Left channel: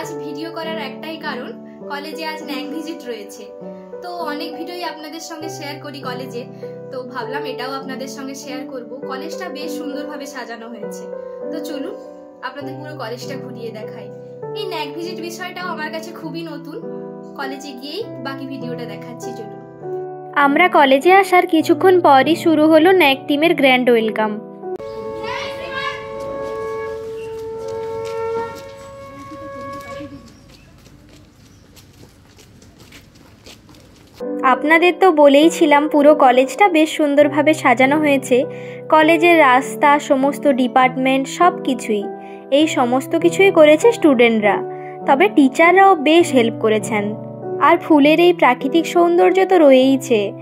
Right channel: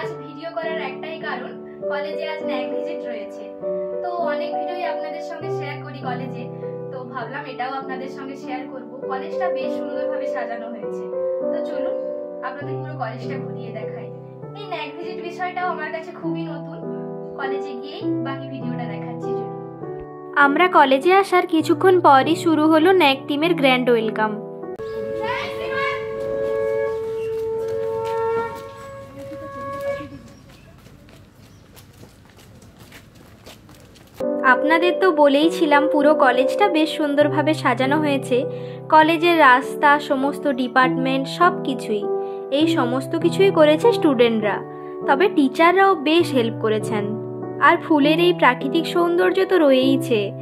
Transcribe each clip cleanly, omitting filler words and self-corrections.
আজ ভিডিও করার একটাই কারণ, কলেজে আজ ন্যাক ভিজিট রয়েছে। তো অনেক ভিডিওই আপনাদের সঙ্গে শেয়ার করি কলেজে, তো ভাবলাম এটাও আপনাদের সঙ্গে শেয়ার করব। কলেজটা বেশ সুন্দরভাবে সাজানো হয়েছে। তো চলুন আপনাদের পুরো কলেজটা ঘুরিয়ে দেখাই। এই ন্যাক ভিজিট বিষয়টাও আমার কাছে খুবই নতুন। কলেজে গিয়েই বাকি ভিডিওটা দেখাচ্ছি। চলুন। আমরা কলেজে আসার কিছুক্ষণ পরই শুরু হলো ন্যাক টিমের গ্র্যান্ড ওয়েলকাম। আপনাদের তো বলেইছিলাম পুরো কলেজটা বেশ সুন্দরভাবে সাজানো হয়েছে। কলেজের রাস্তা, সমস্ত ডিপার্টমেন্ট, সব কিছুই, এই সমস্ত কিছুই করেছে স্টুডেন্টরা। তবে টিচাররাও বেশ হেল্প করেছেন। আর ফুলের এই প্রাকৃতিক সৌন্দর্য তো রয়েইছে।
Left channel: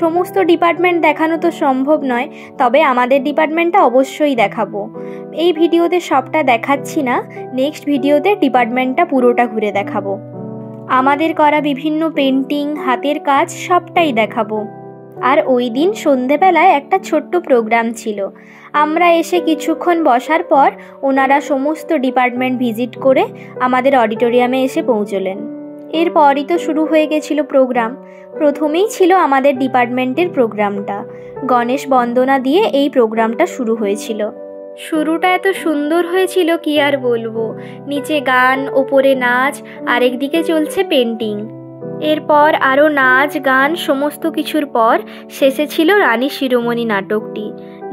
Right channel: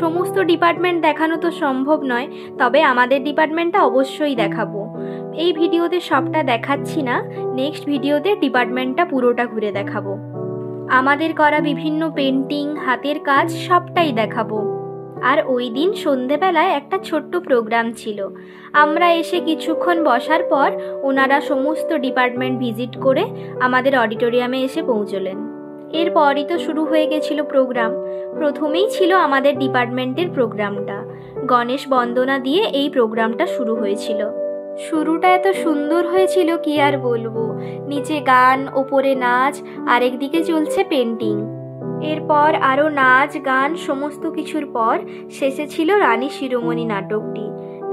সমস্ত ডিপার্টমেন্ট দেখানো তো সম্ভব নয়, তবে আমাদের ডিপার্টমেন্টটা অবশ্যই দেখাবো। এই ভিডিওতে সবটা দেখাচ্ছি না, নেক্সট ভিডিওতে ডিপার্টমেন্টটা পুরোটা ঘুরে দেখাবো। আমাদের করা বিভিন্ন পেন্টিং, হাতের কাজ সবটাই দেখাবো। আর ওই দিন সন্ধেবেলায় একটা ছোট্ট প্রোগ্রাম ছিল। আমরা এসে কিছুক্ষণ বসার পর ওনারা সমস্ত ডিপার্টমেন্ট ভিজিট করে আমাদের অডিটোরিয়ামে এসে পৌঁছলেন। এরপরই তো শুরু হয়ে গেছিল প্রোগ্রাম। প্রথমেই ছিল আমাদের ডিপার্টমেন্টের প্রোগ্রামটা। গণেশ বন্দনা দিয়ে এই প্রোগ্রামটা শুরু হয়েছিল। শুরুটা এত সুন্দর হয়েছিল কি আর বলবো। নিচে গান, ওপরে নাচ, আরেকদিকে চলছে পেন্টিং। এরপর আরও নাচ, গান, সমস্ত কিছুর পর শেষে ছিল রানী শিরোমণি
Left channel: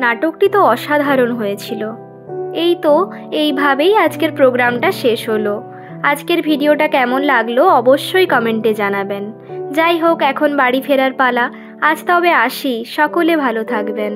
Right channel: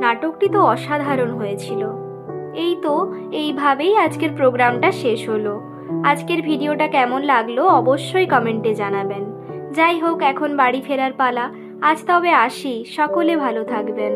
নাটকটি তো অসাধারণ হয়েছিল। এই তো এইভাবেই আজকের প্রোগ্রামটা শেষ হলো। আজকের ভিডিওটা কেমন লাগলো অবশ্যই কমেন্টে জানাবেন। যাই হোক, এখন বাড়ি ফেরার পালা। আজ তবে আসি, সকলে ভালো থাকবেন।